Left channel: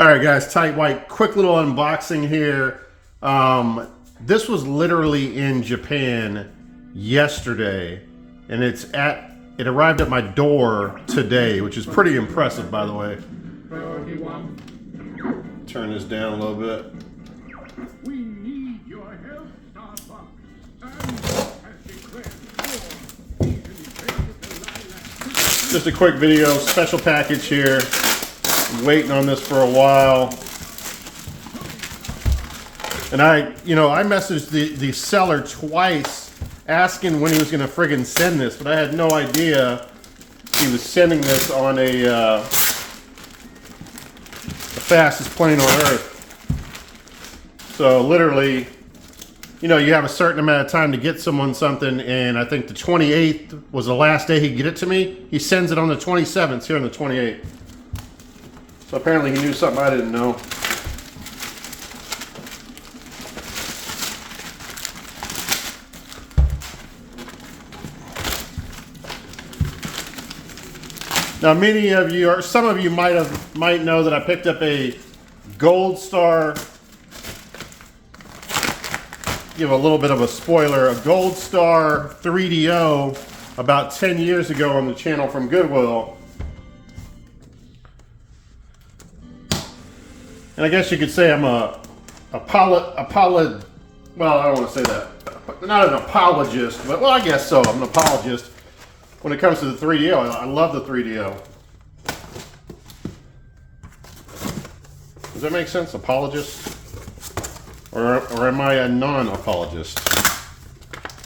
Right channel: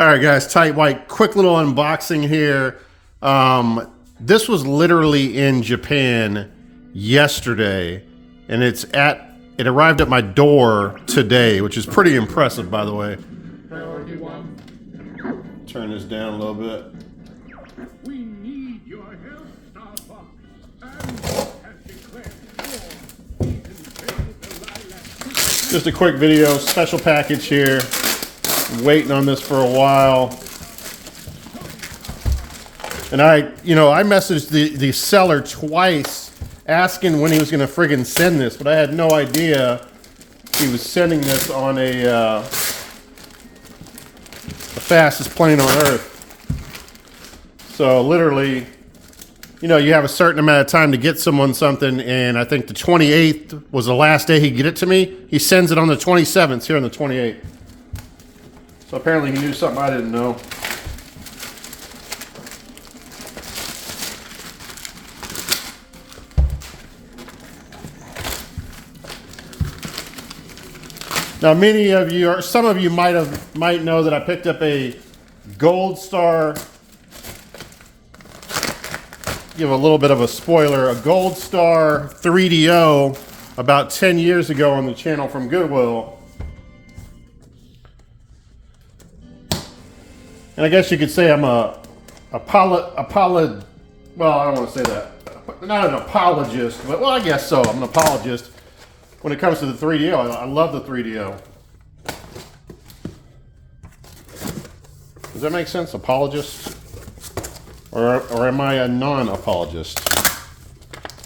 All right, guys, tight white, quick little unboxing here. This was literally in Japan yesterday, and it arrived at my door today, which is pretty impressive, by the way. Turn this down a little bit. We need your help, Starbucks. Just a quick video, special package here. Waiting on this for a while. And I messaged the seller twice asking when he was going to friggin' send this, but I had no idea he was sending this on the fastest plane on earth. So literally, you have a certain amount of time to get someone something, and I think the 28th was the last day he'd get it to me. He sends it on the 27th, here on the 28th. So apparently he knew something I didn't know. Now, many of you, or some of you might know that I picked up a Gold Star. Give a little bit of a spoiler: a Gold Star 3DO about 10 years ago on the channel from Goodwill. And I guess you could say I'm well, I don't want to say that. Not an apologist, but well, I guess so. I'm an apologist when it comes to the 3DO. I love the 3DO. Does that make sense? Apologist? Or am I a non-apologist?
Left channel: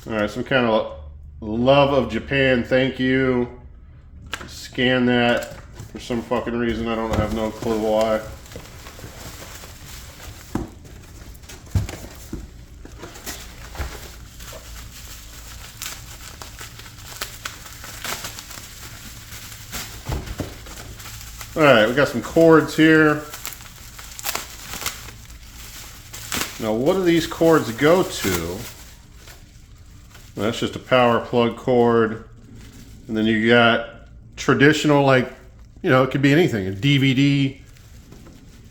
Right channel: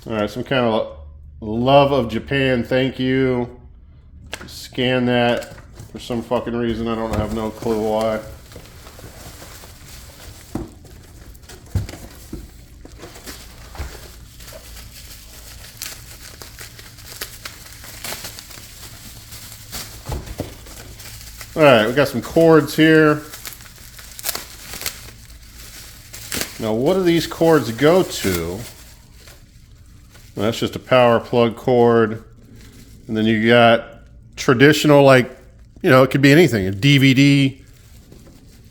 All right, some kind of love of Japan, thank you. Scan that for some fucking reason. I have no clue why. All right, we got some cords here. Now, what do these cords go to? That's just a power plug cord. And then you got traditional, it could be anything. A DVD,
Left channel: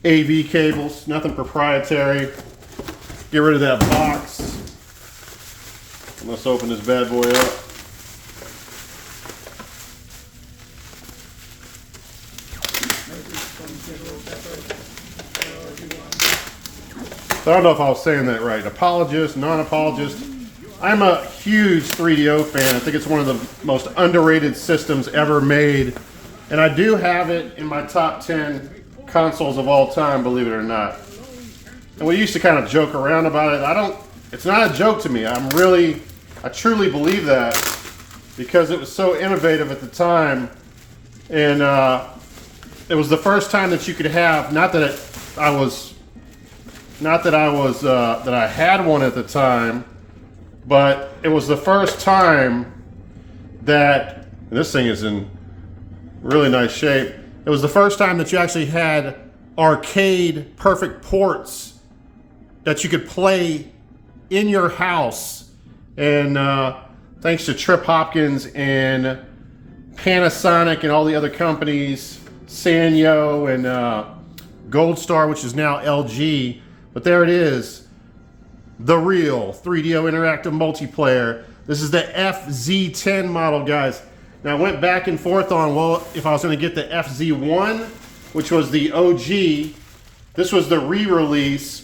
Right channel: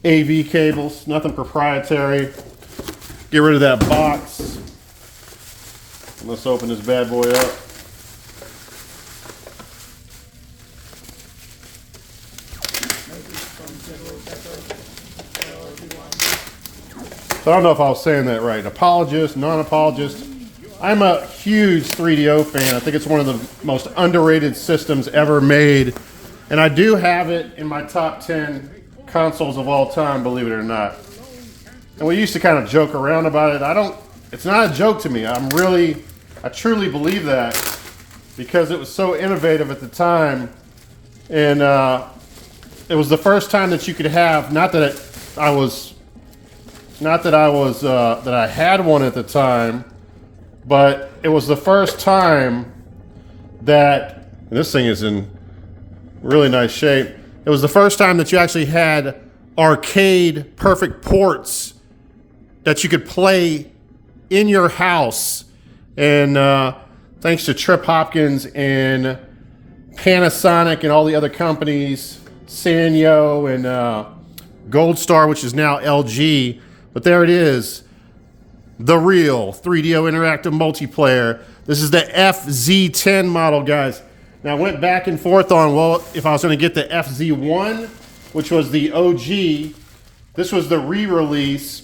AV cables, nothing proprietary. Get rid of that box. Let's open this bad boy up. So I don't know if I was saying that right. Apologist, non-apologist. I'm a huge 3DO fan. I think it's one of the most underrated systems ever made. And I do have it in my top 10 consoles of all time, believe it or not. And we used to kind of joke around about it. It's not a joke to me. I truly believe that because it was so innovative at the time. And it was the first time that you could have, not that I had one at the time, but it was the first time that, and this thing is in really nice shape. It was the first time that you actually had arcade perfect ports that you could play in your house. And thanks to Trip Hopkins and Panasonic and all the other companies, Sanyo and Gold Star, which is now LG. But there it is, the real 3DO interactive multiplayer. This is the FZ10 model, guys. Now I went back and forth on, well, if I was going to get the FZ1, which was the OG. This was the re-release.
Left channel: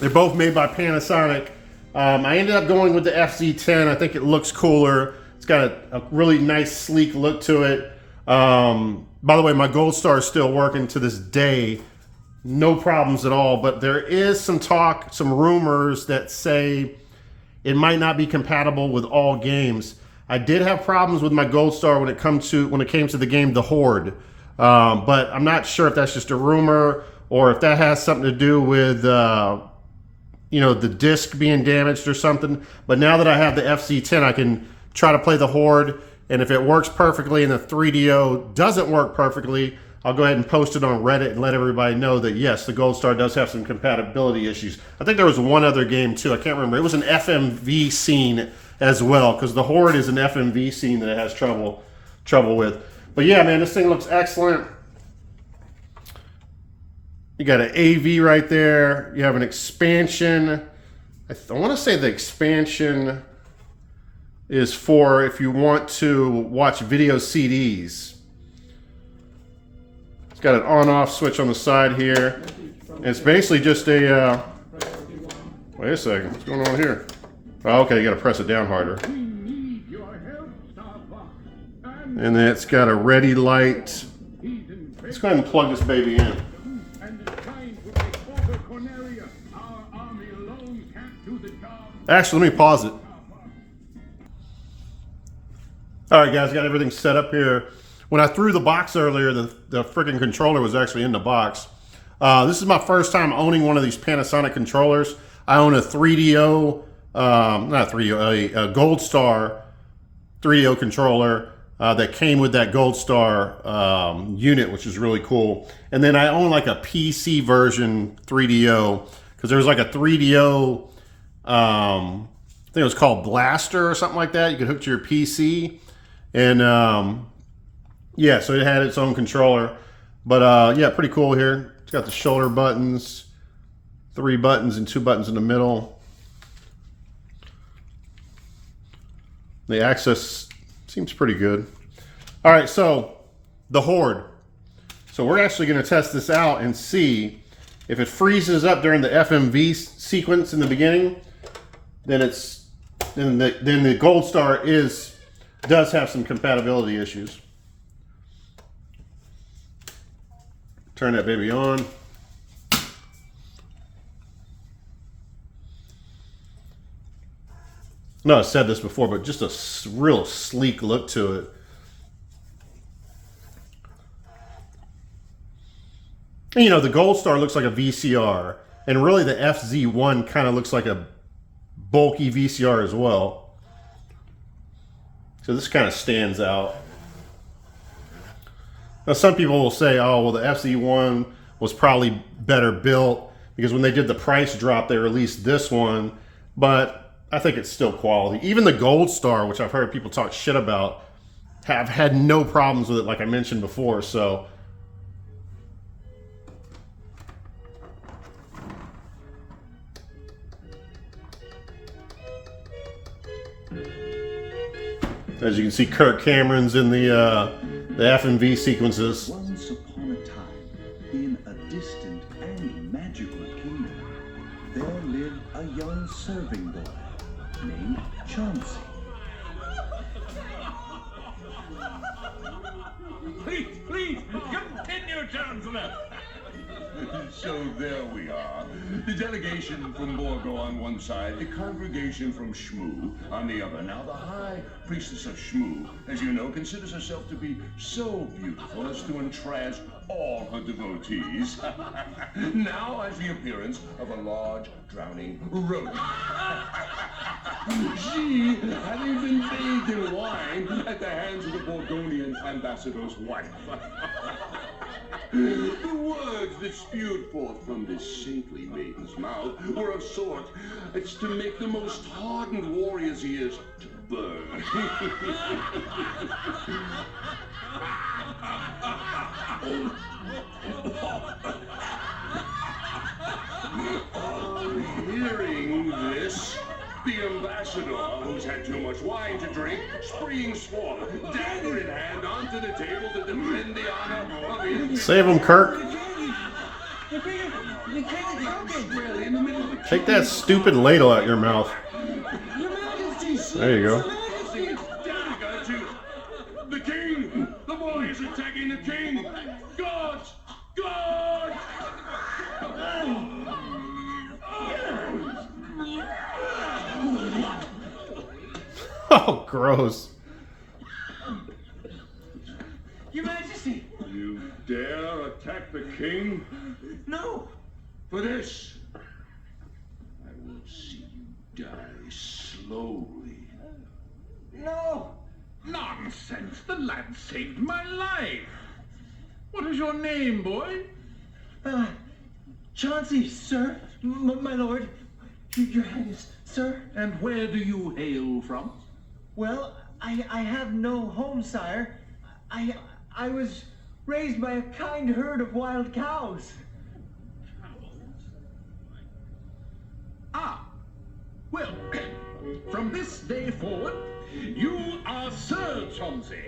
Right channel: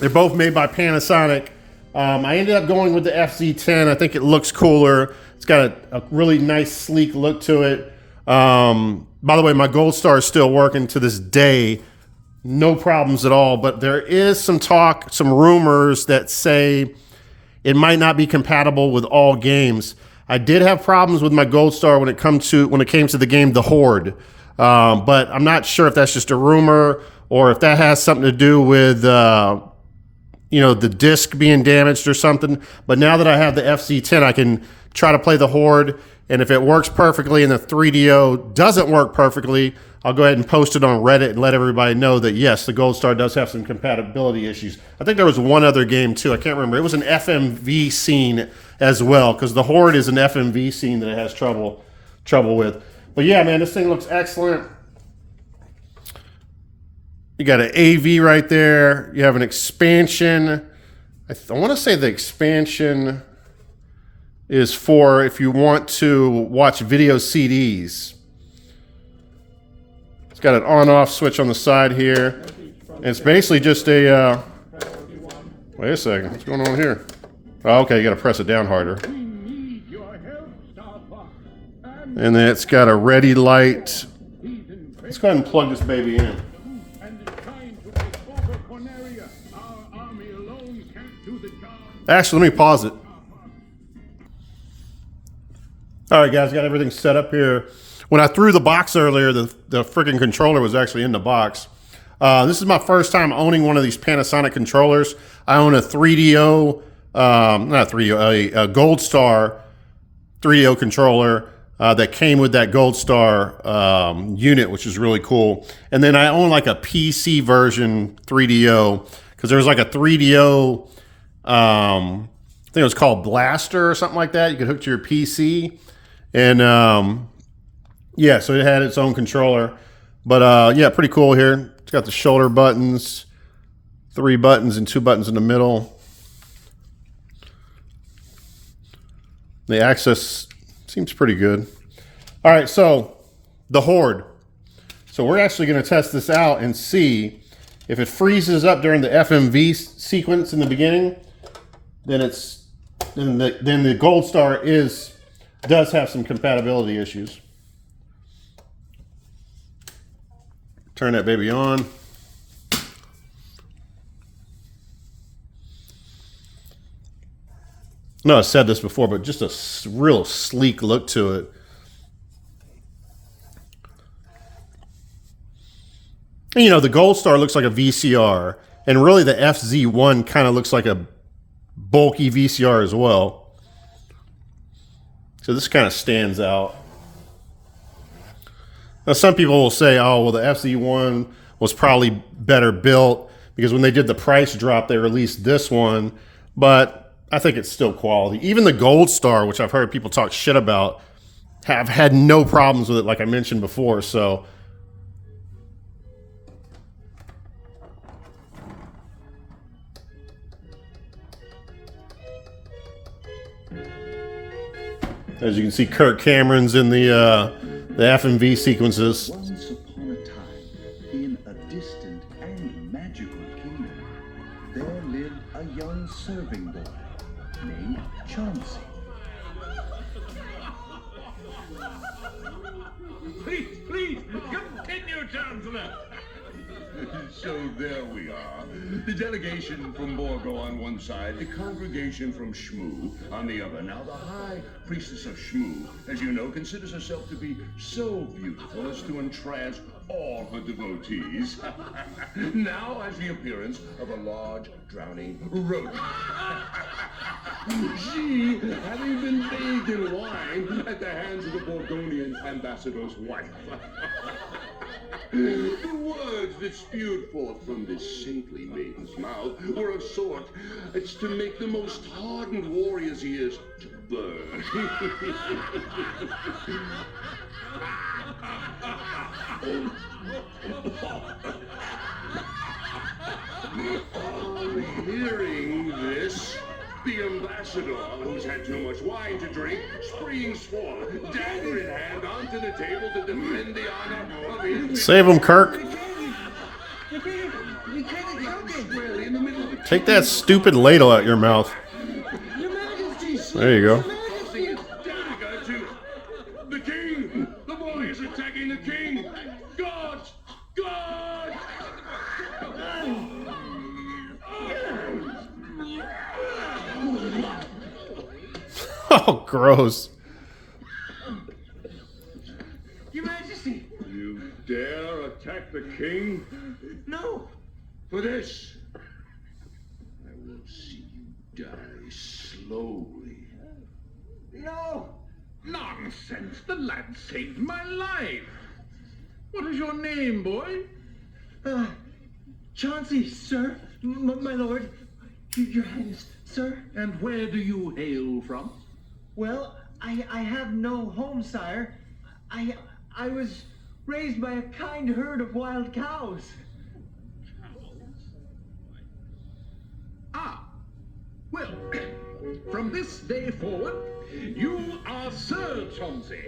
They're both made by Panasonic. I ended up going with the FZ10. I think it looks cooler. It's got a really nice, sleek look to it. By the way, my Gold Star is still working to this day. No problems at all, but there is some talk, some rumors that say it might not be compatible with all games. I did have problems with my Gold Star when it came to the game The Horde, but I'm not sure if that's just a rumor or if that has something to do with the disc being damaged or something. But now that I have the FZ10, I can try to play The Horde, and if it works perfectly and the 3DO doesn't work perfectly, I'll go ahead and post it on Reddit and let everybody know that, yes, the Gold Star does have some compatibility issues. I think there was one other game, too. I can't remember. It was an FMV scene as well, because the Horde is an FMV scene that it has trouble with. But, yeah, man, this thing looks excellent. You got an AV right there. You have an expansion. I want to say the expansion is for if you want to watch video CDs. It's got an on-off switch on the side here. And it's basically just a, wait a second, what's going on here? Oh, okay, you gotta press it down harder. We need your help, Star Fox. And then it's got a ready light. He's in Let's go ahead and plug this baby in. and is trying to take over Corneria. Our army alone can't do the job. Actually, let me pause it. All right, guys, got everything set up here. When I threw the box earlier, the freaking controller was actually in the box. This is my first time owning one of these Panasonic controllers. I own a 3DO, not 3DO, a Gold Star 3DO controller that came with that Gold Star unit, which is really cool. And then I own like a PC version 3DO, because there's like a 3DO, I think it was called Blaster or something like that. You could hook to your PC. And yeah, so it had its own controller. But yeah, pretty cool here. It's got the shoulder buttons, 3 buttons and 2 buttons in the middle. The access seems pretty good. All right, so the Horde. So we're actually going to test this out and see if it freezes up during the FMV sequence in the beginning. Then the Gold Star does have some compatibility issues. Turn that baby on. No, I said this before, but just a real sleek look to it. And, you know, the Gold Star looks like a VCR, and really the FZ1 kind of looks like a bulky VCR as well. So this kind of stands out. Now, some people will say, oh, well, the FZ1 was probably better built because when they did the price drop, they released this one. But I think it's still quality. Even the Gold Star, which I've heard people talk shit about, have had no problems with it, like I mentioned before. So as you can see, Kirk Cameron's in the FMV sequences. Once upon a time, in a distant and magical kingdom, there lived a young serving boy named Chauncey. Please, continue, Chancellor. So there we are. The delegation from Borgo on one side, the congregation from Shmoo on the other. Now the High Priestess of Shmoo, as you know, considers herself to be so beautiful as to entrance all her devotees. Now has the appearance of a large, drowning rodent. She, having been bathed in wine at the hands of the Borgonian ambassador's wife. The words that spewed forth from this saintly maiden's mouth were of sort as to make the most hardened warrior's ears to burn. Hearing this, the ambassador, who's had too much wine to drink, springs forth, dagger in hand, onto the table to defend the honor of his... Save him, Kirk. Squarely in the middle of the Take that stupid ladle out your mouth. There you go. thrusting its dagger to the king. The boy is attacking the king. God! God! Oh, gross. Your Majesty! You dare attack the king? No! For this, I will see you die slowly. No! Nonsense! The lad saved my life. What is your name, boy? Chauncey, sir. My lord. Your Highness, sir. And where do you hail from? Well, I have no home, sire. I was raised by a kind herd of wild cows. Well, from this day forward, you are Sir Chauncey.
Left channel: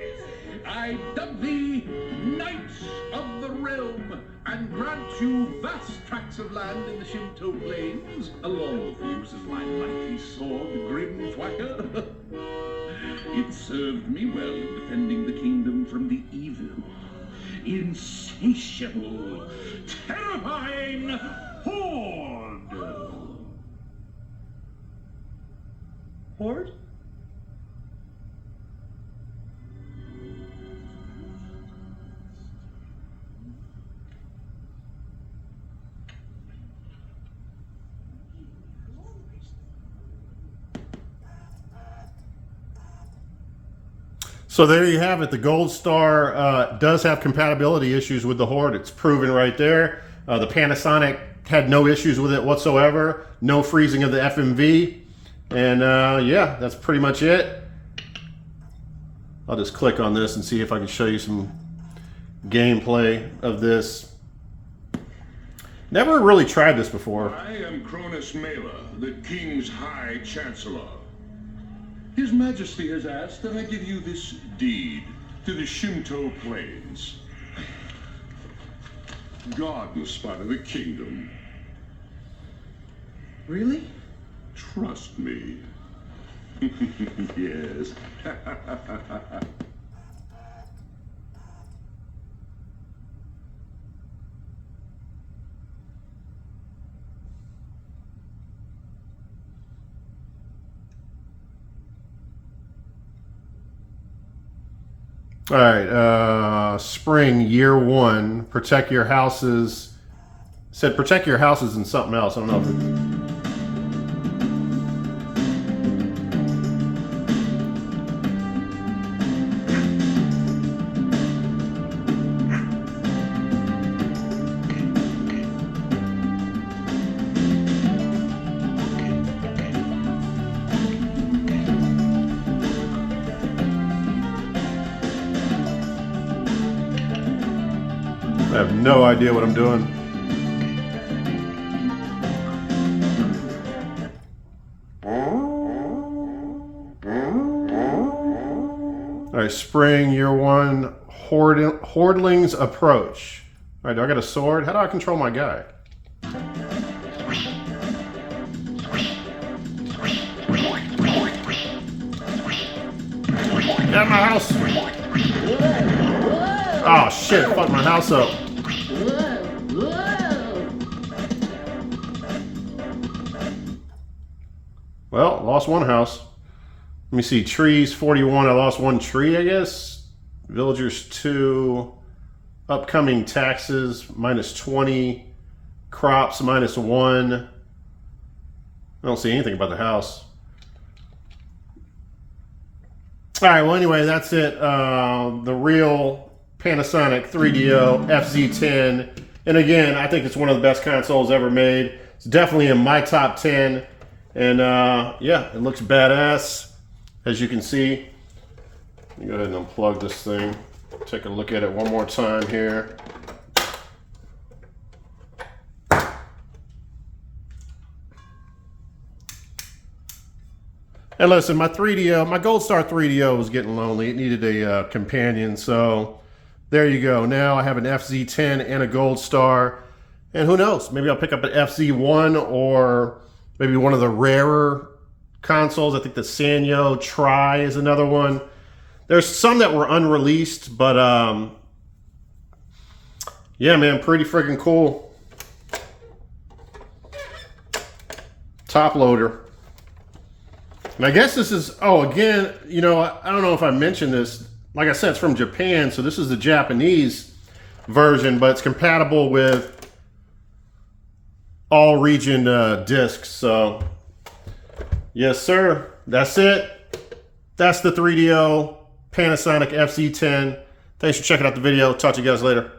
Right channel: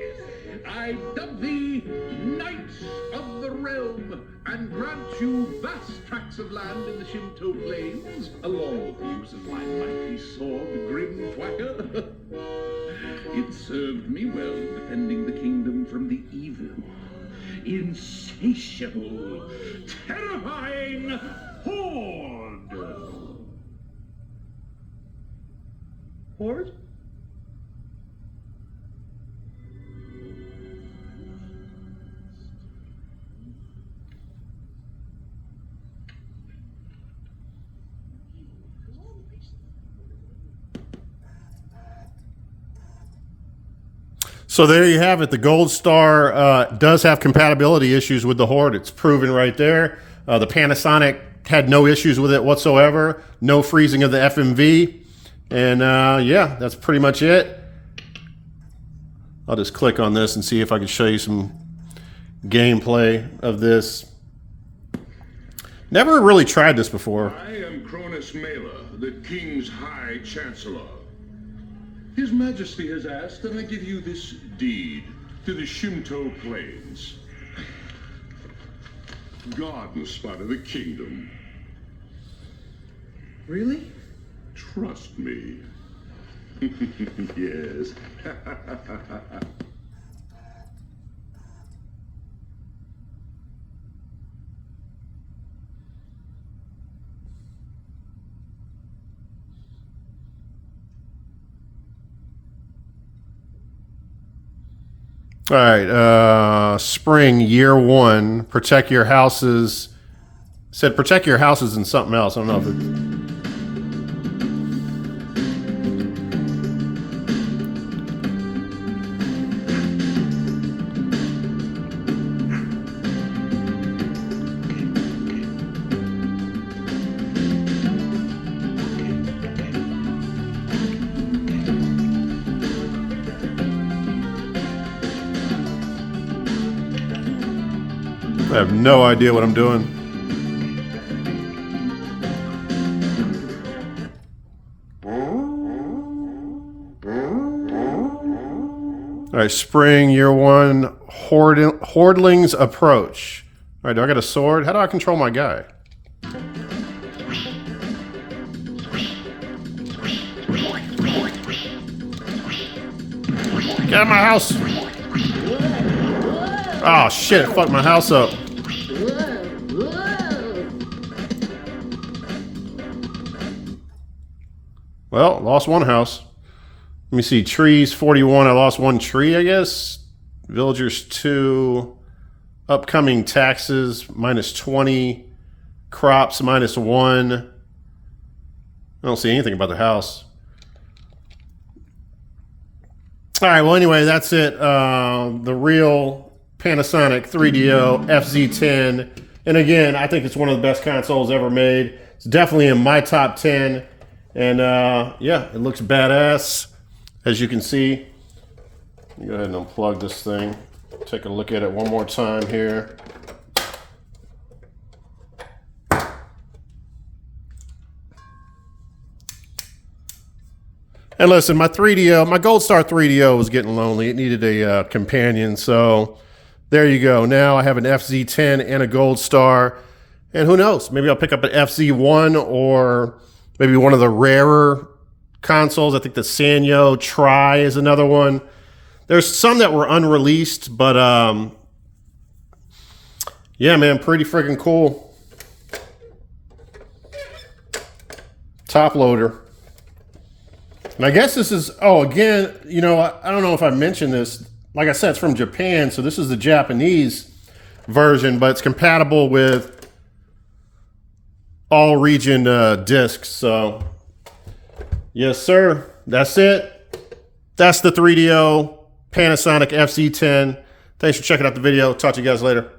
I dub thee Knight of the Realm and grant you vast tracts of land in the Shinto Plains, along with the use of my mighty sword, the Grim Thwacker. It served me well in defending the kingdom from the evil, insatiable, terrifying Horde. Horde? So there you have it. The Gold Star does have compatibility issues with the Horde. It's proven right there. The Panasonic had no issues with it whatsoever. No freezing of the FMV. And yeah, that's pretty much it. I'll just click on this and see if I can show you some gameplay of this. Never really tried this before. I am Cronus Mela, the King's High Chancellor. His Majesty has asked that I give you this deed to the Shinto Plains. Garden spot of the kingdom. Really? Trust me. Yes. All right, spring year 1, protect your houses. Said protect your houses and something else. I don't know if I have no idea what I'm doing. All right, spring, year 1, Hordelings approach. All right, do I got a sword? How do I control my guy? Get out of my house! Oh shit, fuck my house up. Well, lost one house. Let me see, trees 41, I lost one tree, I guess. Villagers 2, upcoming taxes minus 20, crops minus 1. I don't see anything about the house. All right, well anyway, that's it. The real Panasonic 3DO FZ10. And again, I think it's one of the best consoles ever made. It's definitely in my top 10. And yeah, it looks badass, as you can see. Let me go ahead and unplug this thing. Take a look at it one more time here. And listen, my 3DO, my Gold Star 3DO was getting lonely. It needed a companion, so there you go. Now I have an FZ10 and a Gold Star. And who knows, maybe I'll pick up an FZ1 or maybe one of the rarer consoles. I think the Sanyo Tri is another one. There's some that were unreleased, but yeah, man, pretty freaking cool. Top loader. And I guess this is, oh, again, you know, I don't know if I mentioned this. Like I said, it's from Japan, so this is the Japanese version, but it's compatible with all region discs. So yes, sir, that's it. That's the 3DO Panasonic FZ10. Thanks for checking out the video. Talk to you guys later.